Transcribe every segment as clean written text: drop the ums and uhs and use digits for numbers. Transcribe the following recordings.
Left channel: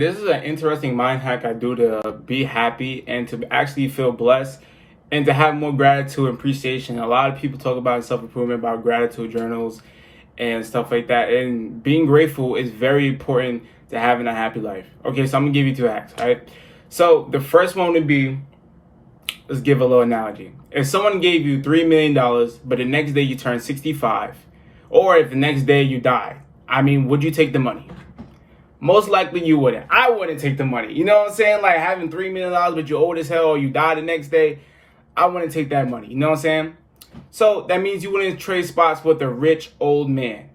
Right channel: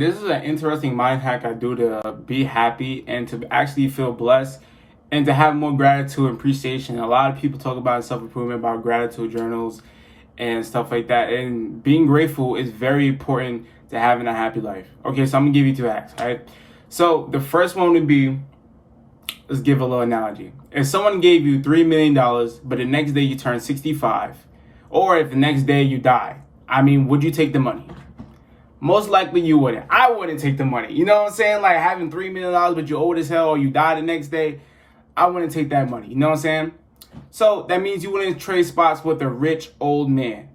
This is an interesting mind hack I do to be happy and to actually feel blessed and to have more gratitude and appreciation. A lot of people talk about self-improvement, about gratitude journals and stuff like that. And being grateful is very important to having a happy life. Okay, so I'm gonna give you two hacks, right? So the first one would be, let's give a little analogy. If someone gave you $3 million, but the next day you turn 65, or if the next day you die, would you take the money? Most likely you wouldn't. I wouldn't take the money. You know what I'm saying? Like having $3 million, but you're old as hell, or you die the next day. I wouldn't take that money. You know what I'm saying? So that means you wouldn't trade spots with a rich old man,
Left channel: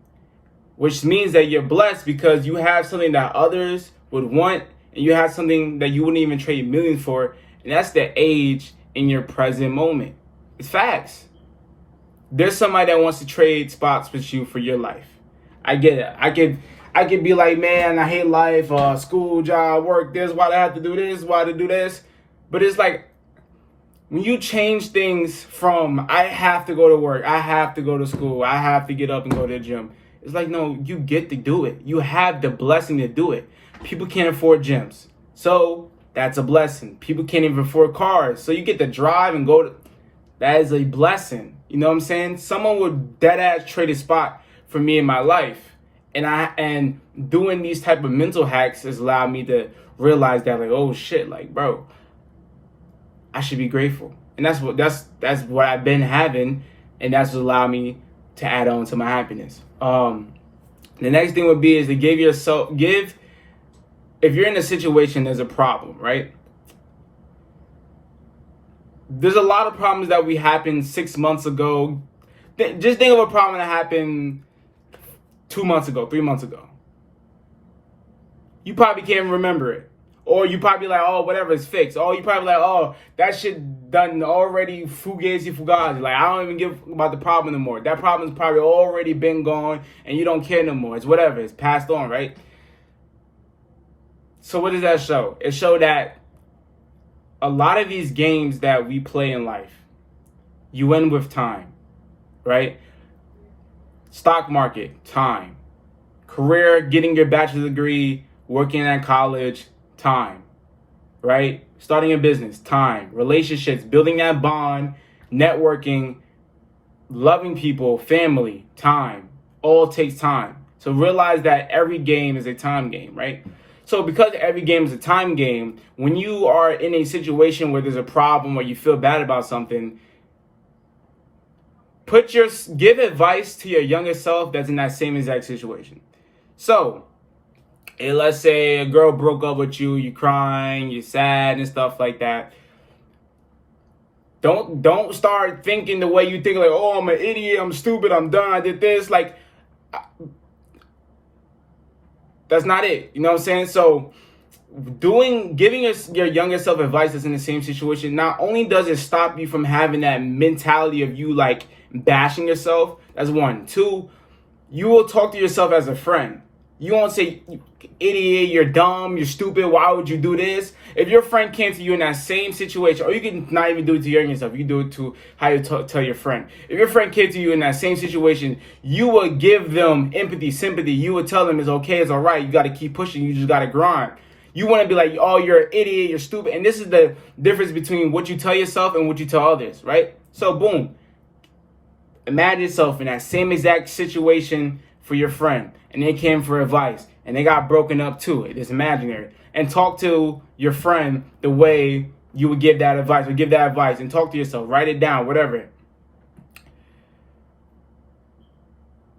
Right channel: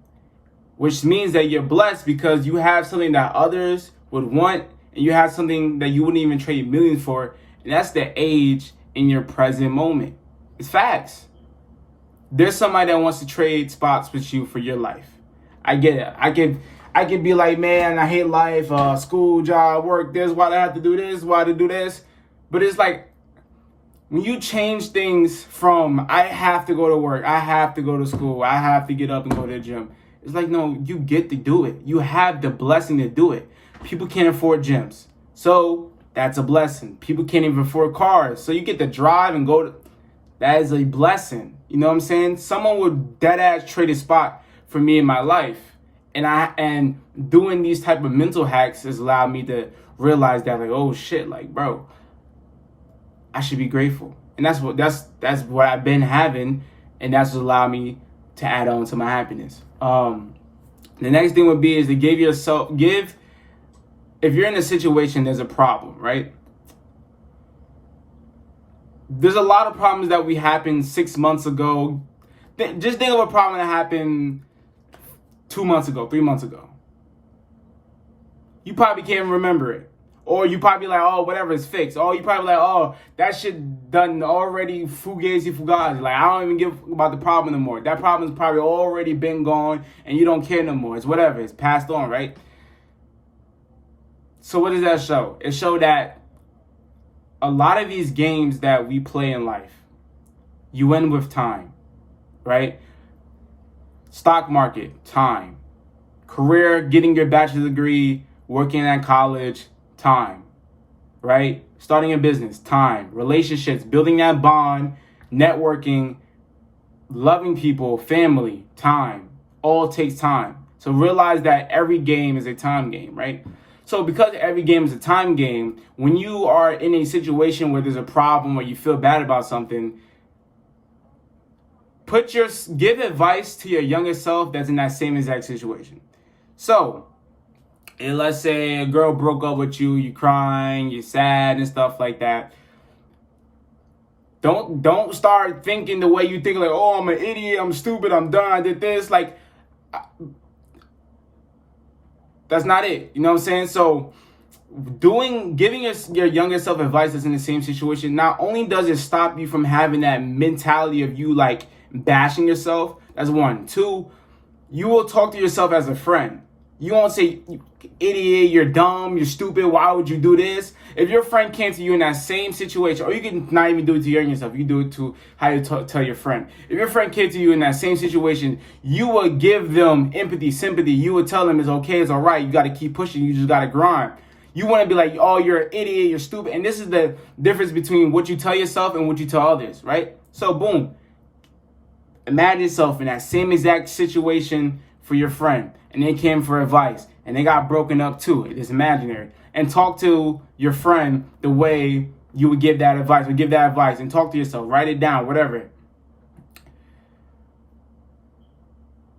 which means that you're blessed because you have something that others would want, and you have something that you wouldn't even trade millions for, and that's the age in your present moment. It's facts. There's somebody that wants to trade spots with you for your life. I get it. I could be like, man, I hate life, school, job, work, this, why do I have to do this, why to do this? But it's like, when you change things from, I have to go to work, I have to go to school, I have to get up and go to the gym. It's like, no, you get to do it. You have the blessing to do it. People can't afford gyms. So that's a blessing. People can't even afford cars. So you get to drive and go to, that is a blessing. You know what I'm saying? Someone would dead ass trade a spot for me in my life. And doing these type of mental hacks has allowed me to realize that, like, oh shit, like, bro, I should be grateful. And that's what I've been having, and that's what allowed me to add on to my happiness. The next thing would be is to if you're in a situation, there's a problem, right? There's a lot of problems that we happened 6 months ago. Just think of a problem that happened 2 months ago, 3 months ago. You probably can't remember it. Or you probably like, oh, whatever, it's fixed. Or you probably like, oh, that shit done already, fugazi. Like, I don't even give about the problem anymore. That problem's probably already been gone and you don't care no more. It's whatever, it's passed on, right? So what does that show? It showed that a lot of these games that we play in life, you win with time, right? Stock market, time. Career, getting your bachelor's degree, working at college, time, right? Starting a business, time. Relationships, building that bond, networking, loving people, family, time. All takes time. So realize that every game is a time game, right? So because every game is a time game, when you are in a situation where there's a problem or you feel bad about something, give advice to your younger self that's in that same exact situation. So, let's say a girl broke up with you, you're crying, you're sad and stuff like that. Don't start thinking the way you think, like, oh, I'm an idiot, I'm stupid, I'm done, I did this. Like, that's not it. You know what I'm saying? So giving your younger self advice that's in the same situation, not only does it stop you from having that mentality of you like bashing yourself, that's one. Two, you will talk to yourself as a friend. You won't say, idiot, you're dumb, you're stupid, why would you do this? If your friend came to you in that same situation, or you can not even do it to your younger self, you can do it to how you tell your friend. If your friend came to you in that same situation, you would give them empathy, sympathy. You would tell them it's okay, it's all right, you got to keep pushing, you just got to grind. You want to be like, oh, you're an idiot, you're stupid. And this is the difference between what you tell yourself and what you tell others, right? So boom, imagine yourself in that same exact situation for your friend, and they came for advice, and they got broken up too. It's imaginary. And talk to your friend the way you would give that advice, or give that advice, and talk to yourself. Write it down, whatever.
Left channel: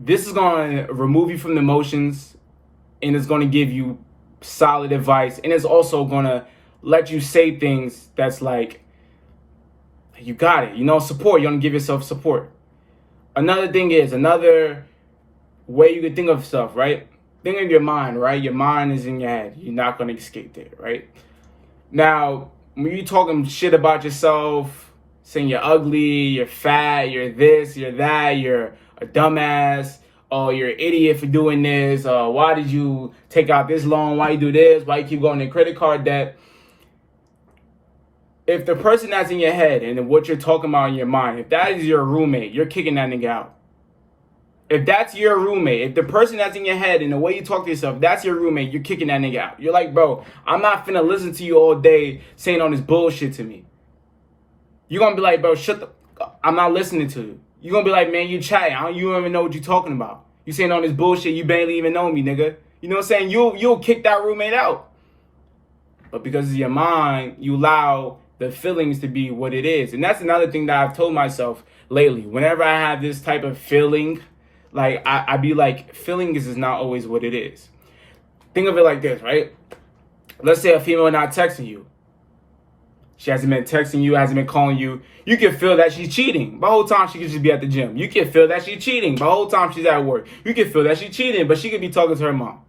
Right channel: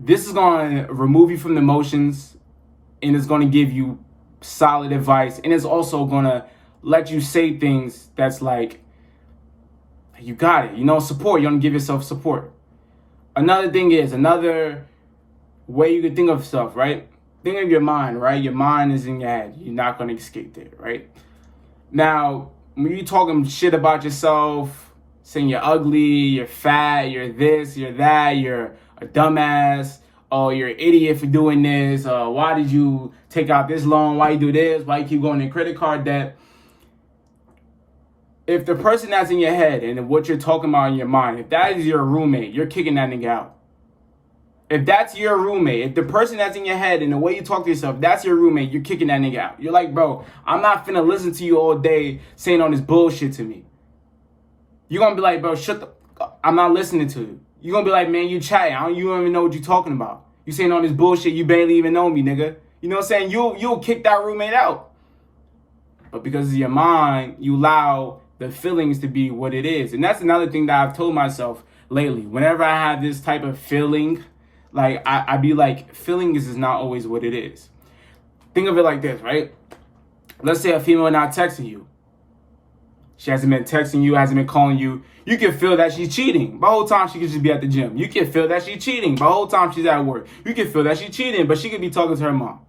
This is going to remove you from the emotions, and it's going to give you solid advice, and it's also going to let you say things that's like, you got it. You know, support. You're going to give yourself support. Another thing is, another way you can think of stuff, right? Think of your mind, right? Your mind is in your head. You're not going to escape it, right? Now, when you're talking shit about yourself, saying you're ugly, you're fat, you're this, you're that, you're a dumbass, oh, you're an idiot for doing this, why did you take out this loan, why you do this, why you keep going in credit card debt? If the person that's in your head and what you're talking about in your mind, if that is your roommate, you're kicking that nigga out. If that's your roommate, if the person that's in your head and the way you talk to yourself, that's your roommate, you're kicking that nigga out. You're like, bro, I'm not finna listen to you all day saying all this bullshit to me. You're gonna be like, bro, I'm not listening to you. You're gonna be like, man, you chatting. You don't even know what you're talking about. You saying all this bullshit, you barely even know me, nigga. You know what I'm saying? You'll kick that roommate out. But because of your mind, you allow the feelings to be what it is. And that's another thing that I've told myself lately. Whenever I have this type of feeling, like, I be like, feelings is not always what it is. Think of it like this, right? Let's say a female not texting you. She hasn't been texting you, hasn't been calling you. You can feel that she's cheating. But the whole time she could just be at the gym. You can feel that she's cheating. But the whole time she's at work. You can feel that she's cheating, but she could be talking to her mom.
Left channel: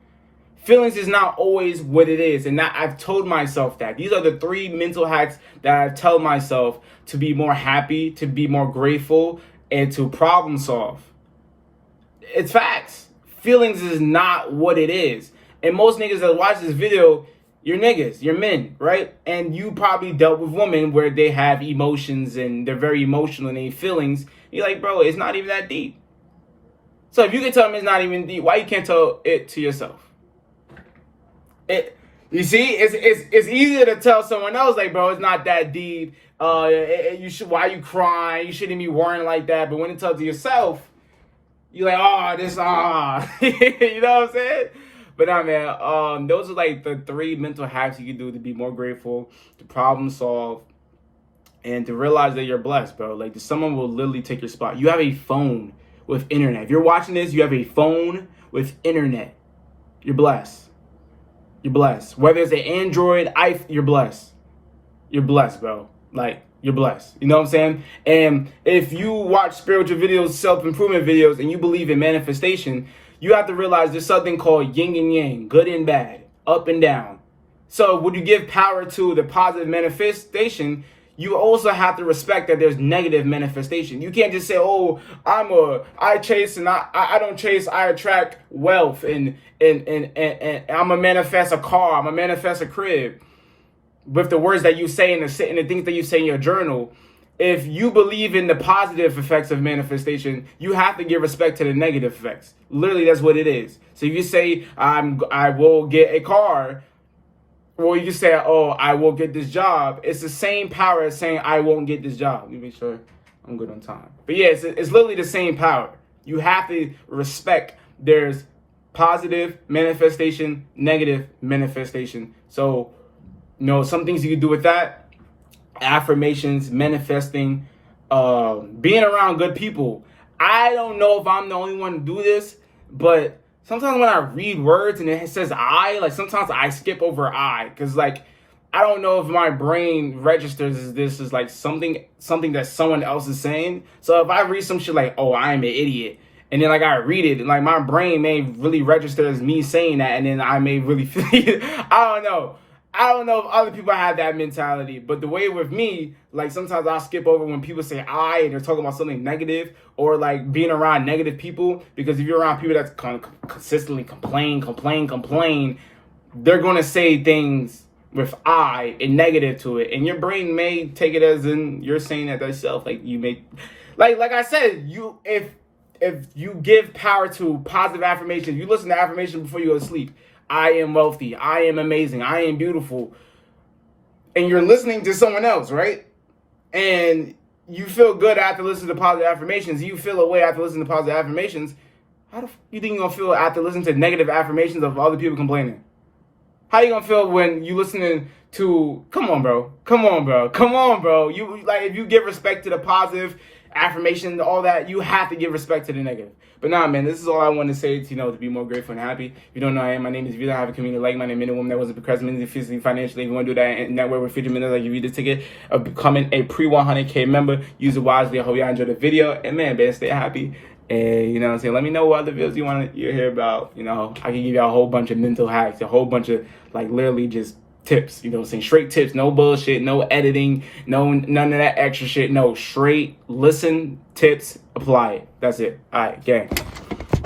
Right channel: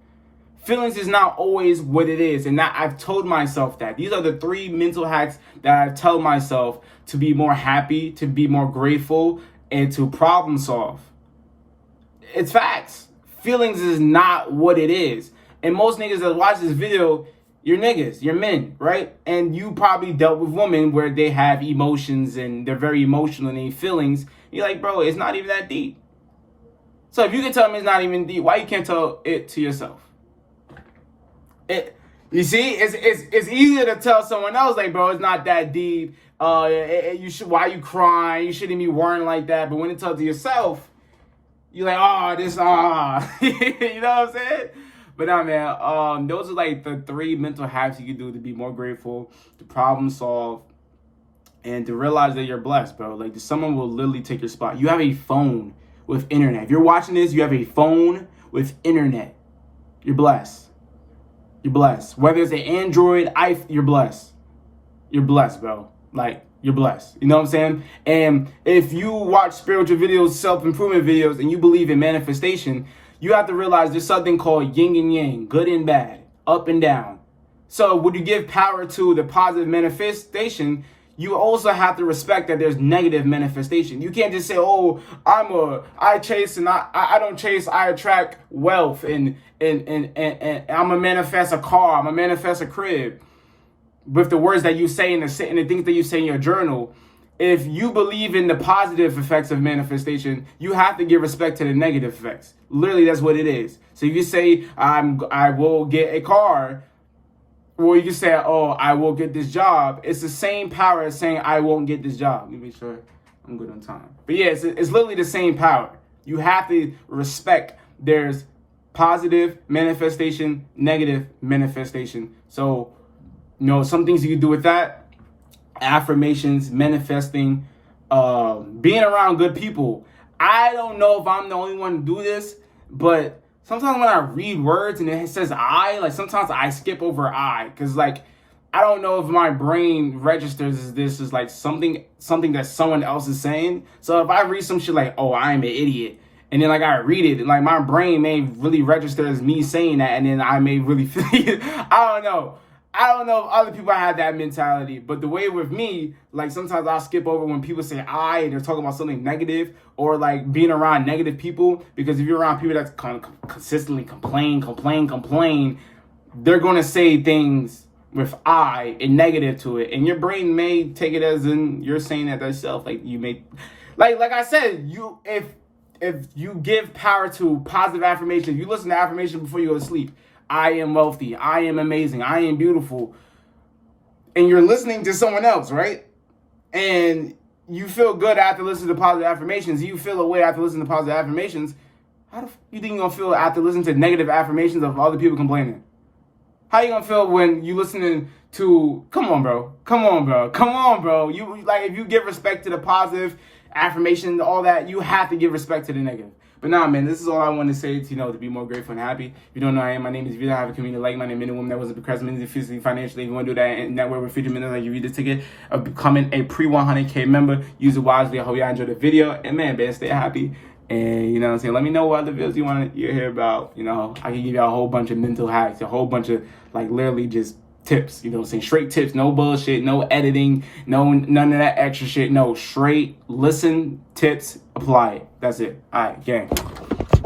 Feelings is not always what it is. And that I've told myself that. These are the 3 mental hacks that I tell myself to be more happy, to be more grateful, and to problem solve. It's facts. Feelings is not what it is. And most niggas that watch this video, you're niggas, you're men, right? And you probably dealt with women where they have emotions and they're very emotional and they feelings. You're like, bro, it's not even that deep. So if you can tell me it's not even deep, why you can't tell it to yourself? You see, it's easier to tell someone else, like, bro, it's not that deep. Why are you crying? You shouldn't be worrying like that. But when it tells to yourself, you're like, you know what I'm saying? But nah, man, those are like the 3 mental hacks you can do to be more grateful, to problem solve, and to realize that you're blessed, bro. Like, someone will literally take your spot. You have a phone with internet. If you're watching this, you have a phone with internet. You're blessed. You're blessed. Whether it's an Android, you're blessed. You're blessed, bro. Like, you're blessed. You know what I'm saying? And if you watch spiritual videos, self-improvement videos, and you believe in manifestation, you have to realize there's something called yin and yang, good and bad, up and down. So when you give power to the positive manifestation, you also have to respect that there's negative manifestation. You can't just say, oh, I chase and I don't chase, I attract wealth and I'm gonna manifest a car, I'm gonna manifest a crib. With the words that you say and the things that you say in your journal, if you believe in the positive effects of manifestation, you have to give respect to the negative effects. Literally, that's what it is. So if you say, I will get a car, or you can say, oh, I will get this job. It's the same power as saying, I won't get this job. Let me make sure I'm good on time. But yeah, it's literally the same power. You have to respect there's positive manifestation, negative manifestation. So, some things you can do with that. Affirmations, manifesting, being around good people. I don't know if I'm the only one to do this, but sometimes when I read words and it says I, like, sometimes I skip over I, because, like, I don't know if my brain registers as this is like something that someone else is saying. So if I read some shit like, oh, I'm an idiot, and then, like, I read it, and, like, my brain may really register as me saying that, and then I may really feel it. I don't know if other people have that mentality, but the way with me, like, sometimes I'll skip over when people say I and they're talking about something negative, or like being around negative people, because if you're around people that's consistently complain, they're going to say things with I and negative to it, and your brain may take it as in you're saying that yourself. Like, you may, like I said, if you give power to positive affirmations, you listen to affirmations before you go to sleep. I am wealthy. I am amazing. I am beautiful. And you're listening to someone else, right? And you feel good after listening to positive affirmations. You feel away after listening to positive affirmations. How the you think you're going to feel after listening to negative affirmations of other people complaining? How you going to feel when you listening to, come on, bro. You, like, if you give respect to the positive affirmation, all that, you have to give respect to the negative. But nah, man, this is all I want to say to be more grateful and happy. If you don't know who I am, my name is Vita. I have a community like my name, men and women that wasn't procrastinating physically, financially. If you want to do that and network with future minutes, I give you the ticket of becoming a pre-100K member. Use it wisely. I hope y'all enjoyed the video. And man, stay happy. And you know what I'm saying? Let me know what other videos you want to hear about. I can give y'all a whole bunch of mental hacks, a whole bunch of, like, literally just tips, saying straight tips, no bullshit, no editing, none of that extra shit. No, straight listen, tips, apply it. That's it. All right, gang.